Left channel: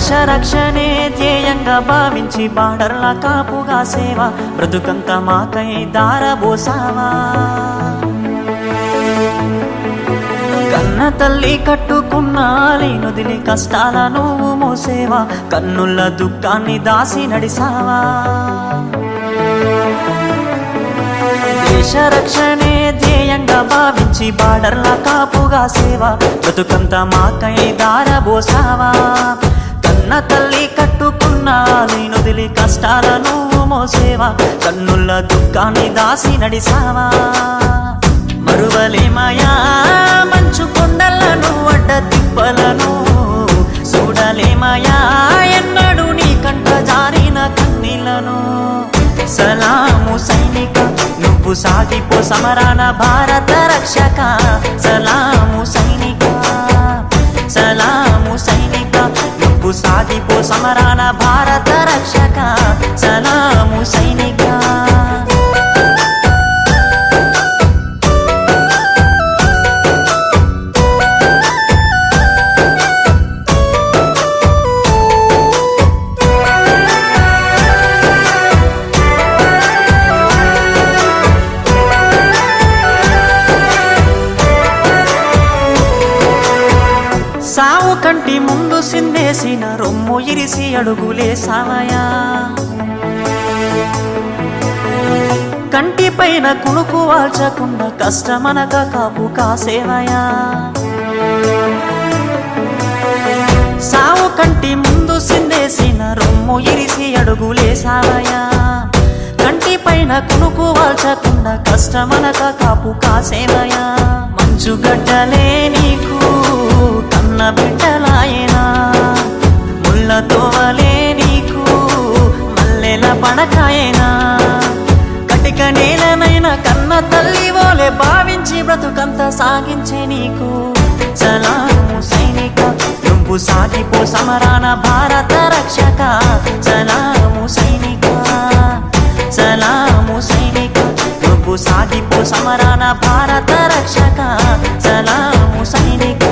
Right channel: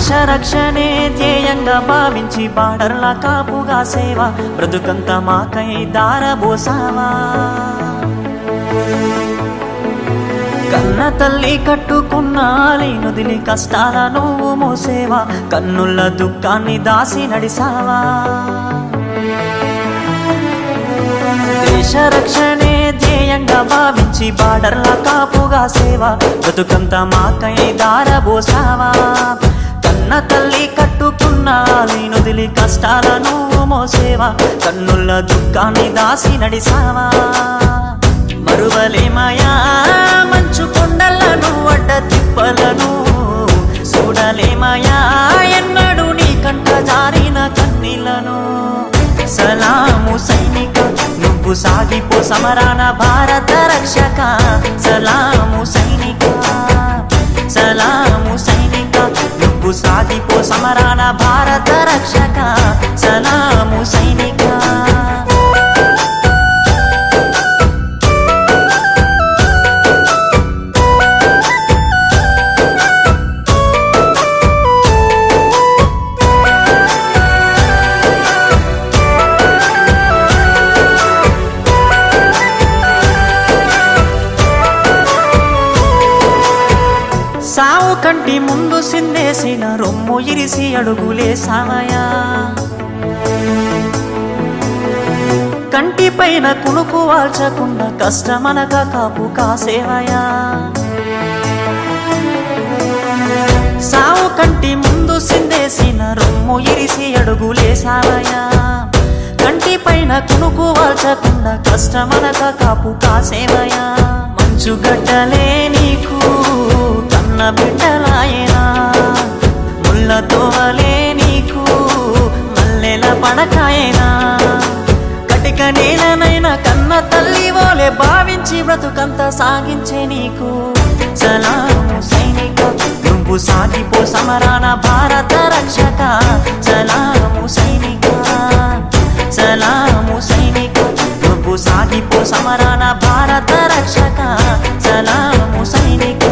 దేశ రక్షణే ధ్యేయంగా భావించి బార్డర్ల కాపుగా సేవ బ్రతుకంత మాకై దారబోసావా. కన్న తల్లి కట్టుకున్న నొదిలి కష్టాల నువ్వు మోసేవా, కన్నుల దుఃఖాన్ని దాసి నడిసావా. దేశ రక్షణే ధ్యేయంగా భావించి బార్డర్ల కాపుగా సేవ బ్రతుకంత మాకై దారబోసావా. కన్న తల్లి కట్టుకున్న నొదిలి కష్టాల నువ్వు మోసేవా, కన్నుల దుఃఖాన్ని దాసి నడిసావా. మరువలేమయా మంచు కొండలను అడ్డ తిప్పలను, చూడలేమయా ఎన్నడూ నీ కంట జారిన కన్నీళ్లను. సలాము సైనిక నువ్వు సాగిపో సమరాన భారత రక్షక. సలాము సైనిక, సలాము సైనిక నువ్వు సాగిపో సమరాన భారత రక్షక. సలాము సైనిక. సావు కంటి ముందు సిందేసిన రొమ్ము ఇరిసి అడుగులేసావయా. కంటి పైన కునుకు వాల్చకుండా కష్టమనక కాపు కాసేవయా. సావు కంటి ముందు సిందేసిన రొమ్ము ఇరిసి అడుగులేసావయా. కంటి పైన కునుకు వాల్చకుండా కష్టమనక కాపు కాసేవయా. మంచుగడ్డలే నీకు కన్న బిడ్డలాయనా, ముళ్ళతోవలే నీకు మల్లెల పడకాయనా. కటిక నేలనైనా కన్న తల్లి ఓలే భావించి బ్రతుకంత సాగించే నీకు. సలాము సైనిక నువ్వు సాగిపో సమరాన భారత రక్షక. సలాము సైనిక, సలాము సైనిక నువ్వు సాగిపో సమరాన భారత రక్షక. సలాము సైనిక.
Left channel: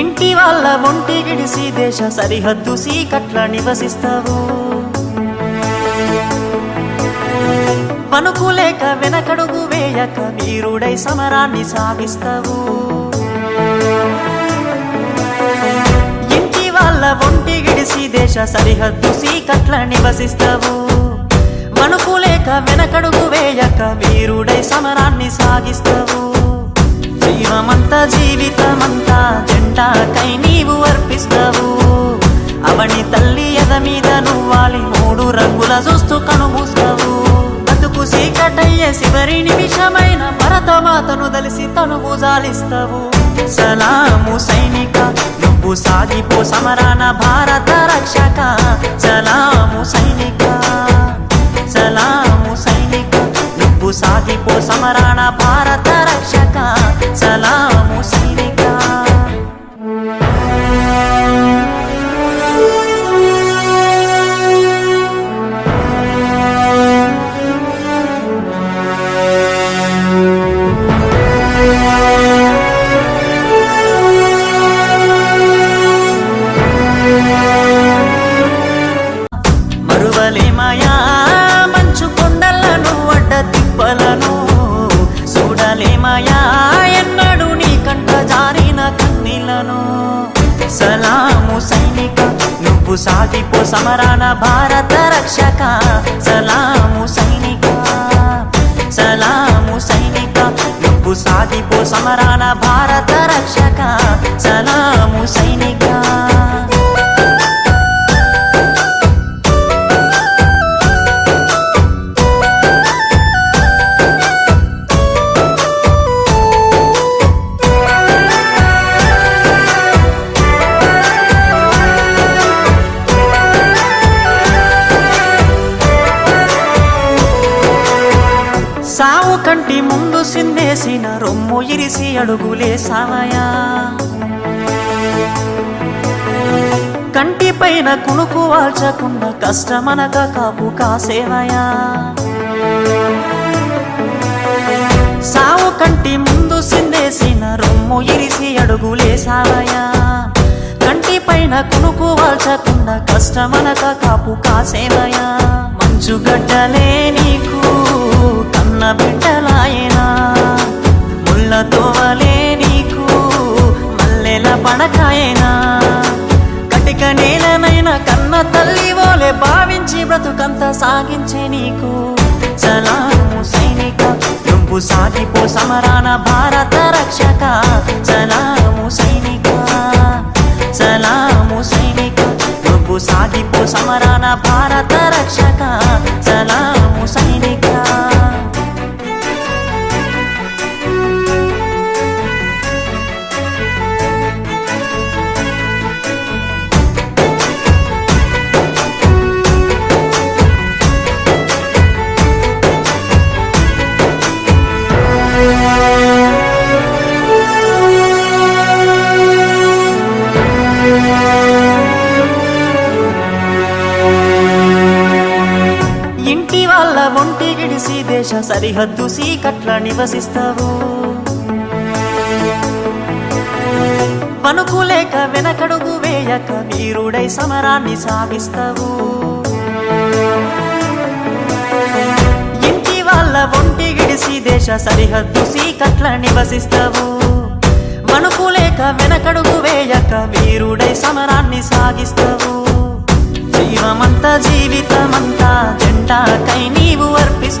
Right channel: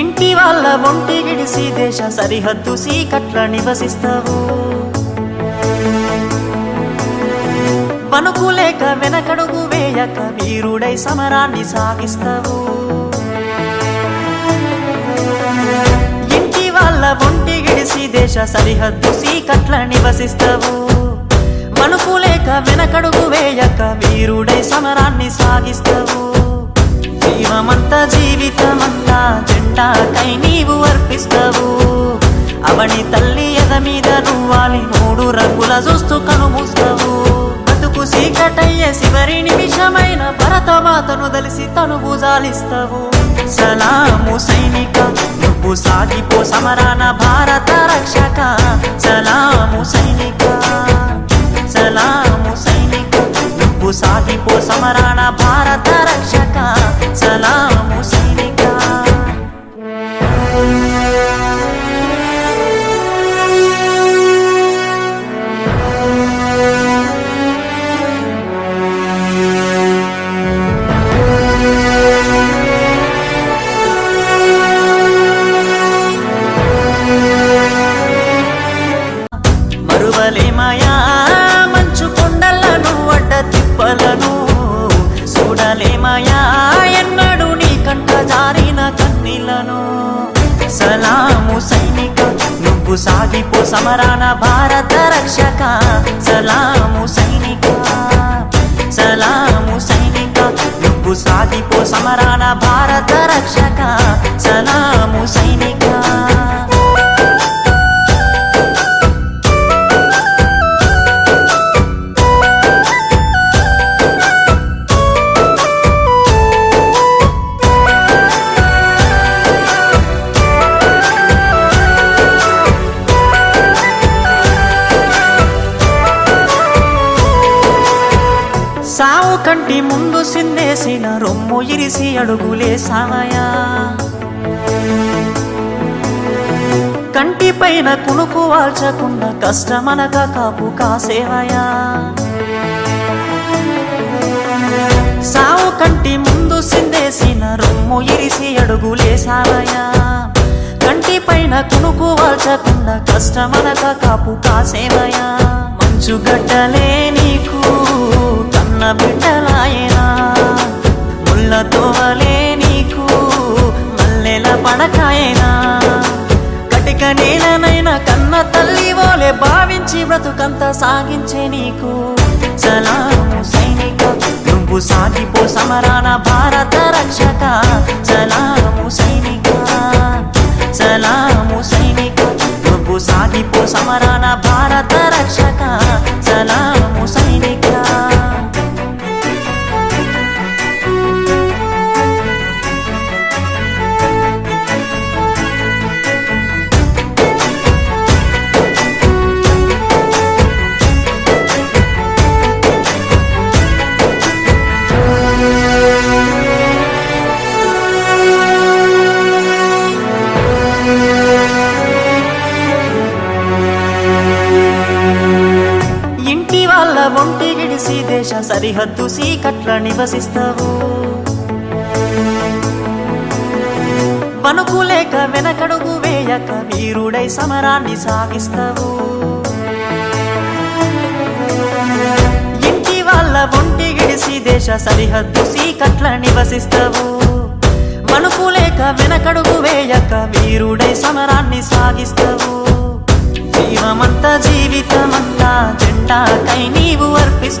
ఇంటి వాళ్ళ ఒంటి గిడిసి దేశ సరిహద్దు సీకట్ల నివసిస్తావు. వణుకులేక వెనకడుగు వేయక వీరుడై సమరాన్ని సాగిస్తావు. ఇంటి వాళ్ళ ఒంటి గిడిసి దేశ సరిహద్దు సీకట్ల నివసిస్తావు. వణుకులేక వెనకడుగు వేయక వీరుడై సమరాన్ని సాగిస్తావు. జీవమంతా జీవితమంతా జెండాకై నీవు అర్పిస్తావు. అవని తల్లి ఎద మీద నువ్వాలి మూడు రంగుల చూస్తూ కనుమూస్తావు. బతుకు సీకటయ్యే చివరి నిమిషమైన భరతమాతను దలిసి తనువు జాలిస్తావు. సలాము సైనిక నువ్వు సాగిపో సమరాన భారత రక్షక. సలాము సైనిక, సలాము సైనిక నువ్వు సాగిపో సమరాన భారత రక్షక. సలాము సైనిక. మరువలేమయా మంచు కొండలను అడ్డ తిప్పలను, చూడలేమయా ఎన్నడూ నీ కంట జారిన కన్నీళ్లను. సలాము సైనిక నువ్వు సాగిపో సమరాన భారత రక్షక. సలాము సైనిక, సలాము సైనిక నువ్వు సాగిపో సమరాన భారత రక్షక. సలాము సైనిక. కంటి ముందు సిందేసిన రొమ్ము ఇరిసి అడుగులేసావయా కంటి పైన కునుకు వాల్చకుండా కష్టమనక కాపు కాసేవయా సావు కంటి ముందు సిందేసిన రొమ్ము ఇరిసి అడుగులేసావయా కంటి పైన కునుకు వాల్చకుండా కష్టమనక కాపు కాసేవయా మంచుగడ్డలే నీకు కన్న బిడ్డలాయనా ముళ్ళతోవలే నీకు మల్లెల పడకాయనా కటిక నేలనైనా కన్న తల్లి ఓలే భావించి బ్రతుకంత సాగించే నీకు సలాము సైనిక నువ్వు సాగిపో సమరాన భారత రక్షక సలాము సైనిక సలాము సైనిక నువ్వు సాగిపో సమరాన భారత రక్షక సలాము సైనిక ఇంటి వాళ్ళ ఒంటి గిడిసి దేశ సరిహద్దు సీకట్ల నివసిస్తావు వణుకులేక వెనకడుగు వేయక వీరుడై సమరాన్ని సాగిస్తావు ఇంటి వాళ్ళ ఒంటి గిడిసి దేశ సరిహద్దు సీకట్ల నివసిస్తావు వణుకులేక వెనకడుగు వేయక వీరుడై సమరాన్ని సాగిస్తావు జీవమంతా జీవితమంతా జెండాకై నీవు అర్పిస్తావు